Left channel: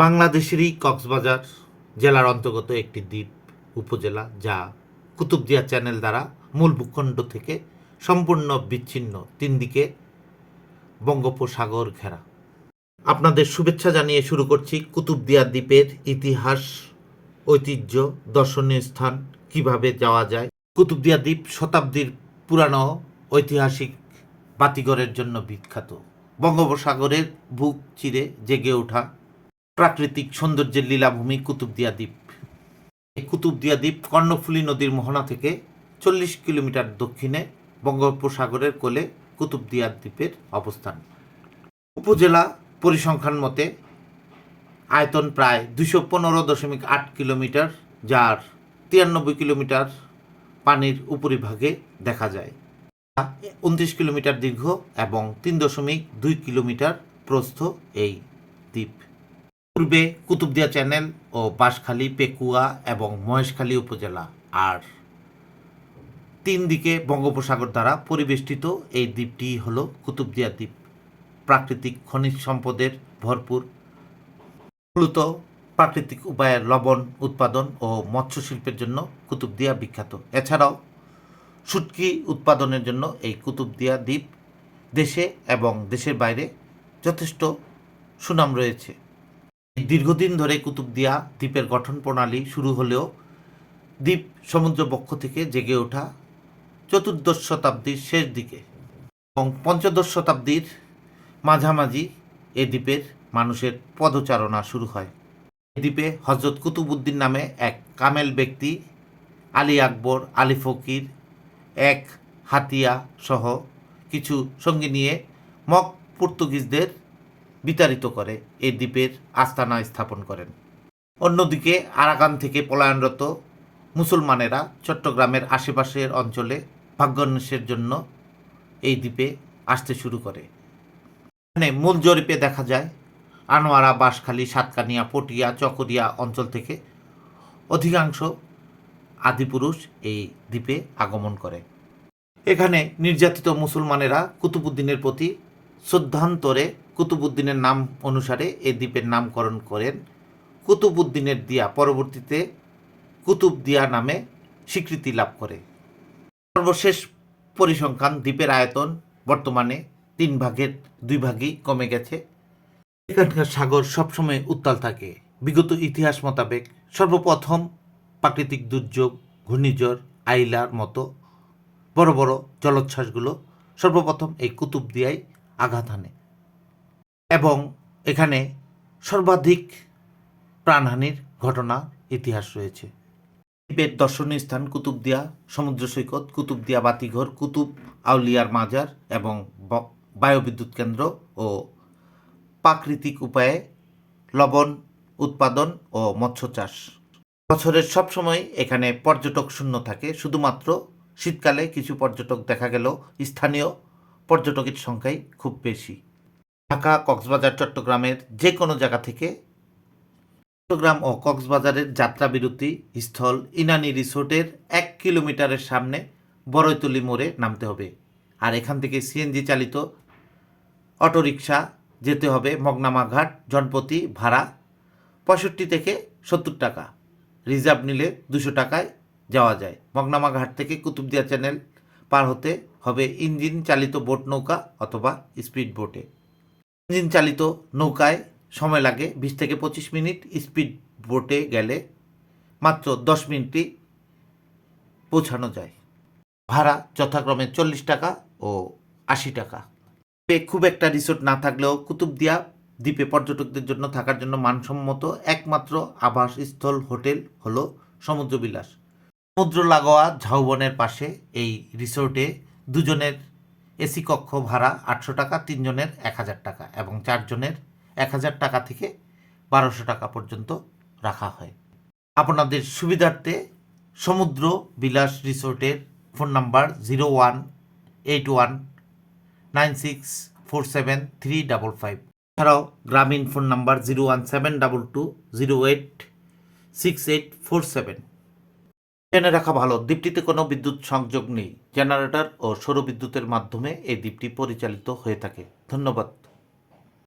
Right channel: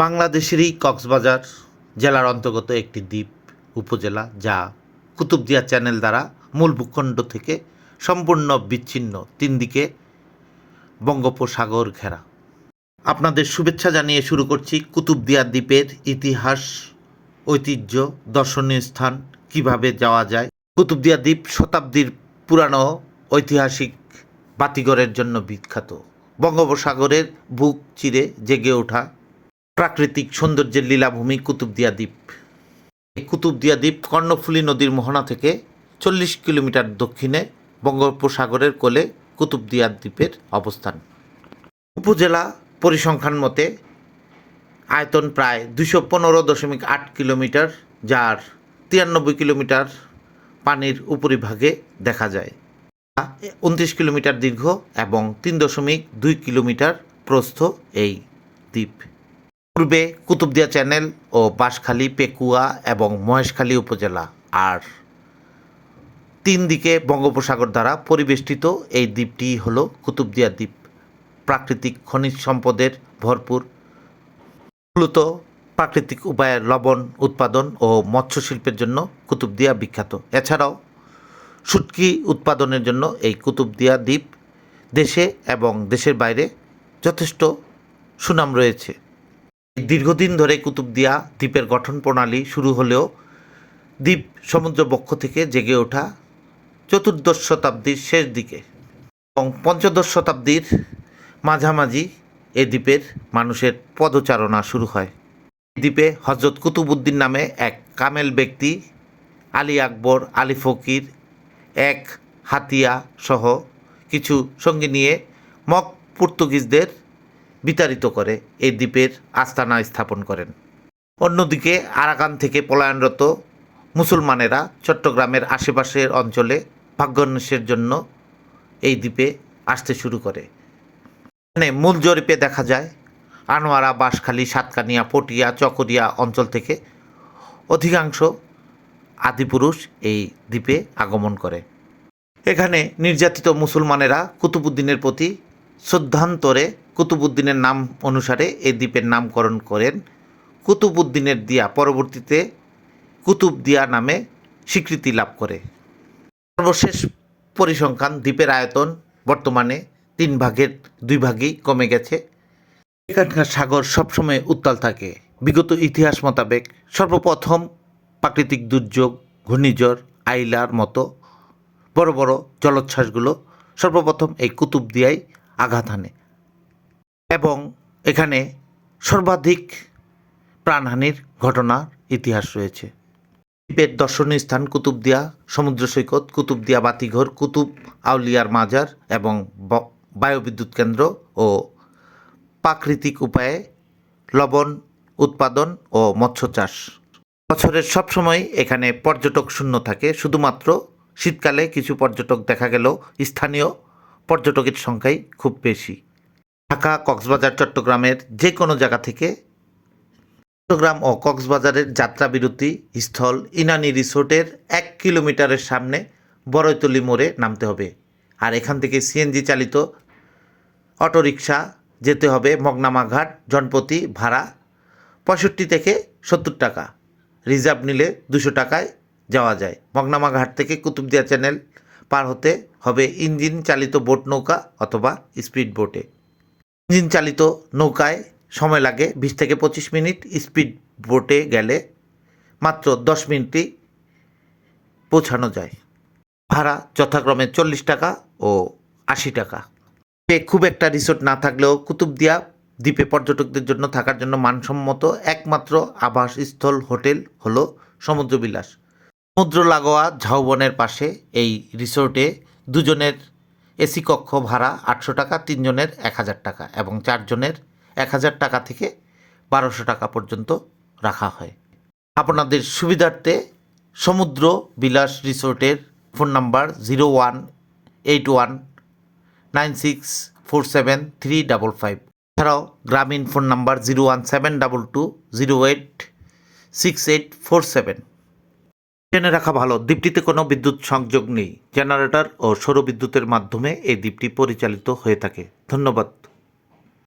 বাংলাদেশেরই কক্সবাজার জেলার অন্তর্গত একটি দ্বীপ উপজেলা যা কুতুবদিয়া চ্যানেল দ্বারা মূল ভূখণ্ড থেকে সম্পূর্ণ বিচ্ছিন্ন তিন দিকে বঙ্গোপসাগর ঘেরা। আপনাদের শুভেচ্ছা জানিয়ে শুরু করছি কুতুবদিয়া দ্বীপের ইতিহাস, ঐতিহ্য, দর্শনীয় স্থান, কীভাবে যাওয়া যায়। কুতুবদিয়া দ্বীপ শতাব্দীর পুরানো ঐতিহাসিক বাতিঘরের জন্য বিখ্যাত। বঙ্গোপসাগরের বুক চিরে জেগে ওঠা প্রাকৃতিক সৌন্দর্যের লীলাভূমি কুতুবদিয়া দ্বীপ এই কুতুবদিয়া দ্বীপ কর্ণফুলী নদীর মোহনা থেকে চল্লিশ কিলোমিটার দক্ষিণে বঙ্গোপসাগরের কোলে কুতুবদিয়া দ্বীপের অবস্থান। উপজেলা পরিসংখ্যান মতে, আয়তন প্রায় দুশো পনেরো দশমিক আট কিলোমিটার, যার তিরানব্বই কিলোমিটার পানির উপরিভাগে দেখা যায়। উনত্রিশ কিলোমিটার দীর্ঘ এবং তিন দশমিক দুই কিলোমিটার প্রস্থ এই দ্বীপ। পূর্বে কুতুবদিয়া চ্যানেল ও বাঁশখালী, পেকুয়া এবং মহেশখালী উপজেলা আর তিন দিকে বঙ্গোপসাগর দ্বারা পরিবেষ্টিত এই দ্বীপটি হল কুতুবদিয়া দ্বীপ। প্রাকৃতিক খনিজ সম্পদের ভরপুর, মূলত প্রাকৃতিক উপায়ে লবণ উৎপাদন ও মৎস্য শিল্পের জন্য কুতুবদিয়া বিখ্যাত। এছাড়াও শুটকি উৎপাদনের জন্য এই কুতুবদিয়া দ্বীপ দেশে এবং দেশের বাইরে যথেষ্ট সুনাম রয়েছে। দীর্ঘদিন ধরে কুতুবদিয়া দ্বীপের গঠন প্রণালী শুরু হলেও দ্বীপ সমুদ্র বক্ষ থেকে জেগে ওঠা চতুর্দশ শতাব্দীর শেষ দিকে এবং পঞ্চদশ শতাব্দীর মাঝামাঝি এ দ্বীপের মানুষের পদচারণা শুরু হয়। দ্বীপে হজরত কুতুবুদ্দিন নামে এক কামেল ব্যক্তি, আলী আকবর, আলী ফকির, এক হাতিয়া সহ কিছু সঙ্গী নিয়ে মক পর্তুগিজদের বিতাড়িত করে এই দ্বীপের আস্তানা স্থাপন করেন। অন্যদিকে আরাকান থেকে পলায়নরত মুসলমানেরা চট্টগ্রামের আশেপাশের অঞ্চলে ভাগ্যান্বেষের জন্য এই দ্বীপে আসতে শুরু করে। এখানে মূল জরিপে দেখা যায়, আনোয়ারা, বাঁশখালী, সাতকানিয়া, পটিয়া, চকরিয়া অঞ্চল থেকে অধিকাংশ আদিপুরুষ এই দ্বীপে আগমন করে। এখানে নির্যাতিত মুসলমানেরা কুতুবুদ্দিনের প্রতি শ্রদ্ধান্তরে কুতুবুদ্দিনের নাম অনুসারে এই দ্বীপের নামকরণ করেন। কুতুবুদ্দিনের দিয়া পরবর্তীতে কুতুব দিয়া নামে স্বীকৃতি লাভ করে। সর্বশেষ পরিসংখ্যান দ্বীপের আয়তন বর্তমানে তিন ভাগের দুই ভাগই কমে গেছে। এখানকার সাগর সবসময় উত্তাল থাকে। বিগত ইতিহাস মোতাবেক সর্বপ্রথম প্রাকৃতিক দুর্যোগ, ঘূর্ণিঝড়, আইলার মতো বড় বড় জলোচ্ছ্বাসগুলো সর্বপ্রথম এই কুতুবদিয়ায় আঘাত হানে এবং এখানে সর্বাধিক প্রাণহানির ঘটনার ইতিহাস রয়েছে। দ্বীপের দর্শনীয় স্থান কুতুবদিয়া, সমুদ্র সৈকত, কুতুবদিয়া বাতিঘর, কুতুব আউলিয়ার মাজার এবং বায়ুবিদ্যুৎ কেন্দ্র ও প্রাকৃতিক উপায়ে লবণ উৎপাদন ও মৎস্য চাষ। বছরের সব সময় এখানে পর্যটক শূন্য থাকে। শুধুমাত্র শীতকালে কিছু পর্যটক দেখা গেল। স্থানীয় পর্যটকের সংখ্যাই খুব বেশি। ঢাকা, কক্সবাজার, চট্টগ্রামের যে কোনো জায়গা থেকে চট্টগ্রাম ও কক্সবাজারের যাত্রা বিরতি স্থল ইনানি রিসোর্টের এক কিলোমিটারের সামনে বড়ইতলি মোড়ে নামতে হবে। আর এখান থেকে সিএনজি চালিত অটোরিকশা যেতে হবে মগনামা ঘাট জনপ্রতি ভাড়া পঁয়ষট্টি থেকে সত্তর টাকা। রিজার্ভ নিলে দুশো টাকায় যাওয়া যায়। মগনামা ঘাট থেকে কুতুবদিয়া চ্যানেল পার হতে হবে ইঞ্জিন চালিত বোট নৌকা অথবা স্পিড বোটে। ইঞ্জিন চালিত নৌকায় সময় লাগে বিশ থেকে পঁচিশ মিনিট, স্পিড বোটে গেলে মাত্র দশ মিনিটই পৌঁছানো যায়। ভাড়া যথাক্রমে চল্লিশ টাকা ও আশি টাকা। খুব একটা রিসোর্ট না থাকলেও কুতুবদিয়া দ্বীপে পর্যটকদের জন্য থাকার জন্য মানসম্মত একমাত্র আবাসস্থল হোটেল হলো সমুদ্রবিলাস। সমুদ্র লাগোয়া ঝাউবনের পাশে এই রিসোর্টে দুজনের এসি কক্ষ ভাড়া আটশো টাকা, তিনজনের এক হাজার টাকা এবং চারজনের এক হাজার টাকা থেকে বারোশো টাকা পর্যন্ত রাখা হয়। আপনাদের সুবিধার্থে সমুদ্র বিলাস রিসোর্টের phone number zero one eight one nine six four seven three double five. এছাড়াও Grameen phone number zero one seven double two zero eight six eight four seven. জেনে রাখা ভালো। দ্বীপটিতে কোনো বিদ্যুৎ সংযোগ নেই। জেনারেটর ও সৌর বিদ্যুতের মাধ্যমে এই দ্বীপটি পরিচালিত হয়ে থাকে। ধন্যবাদ।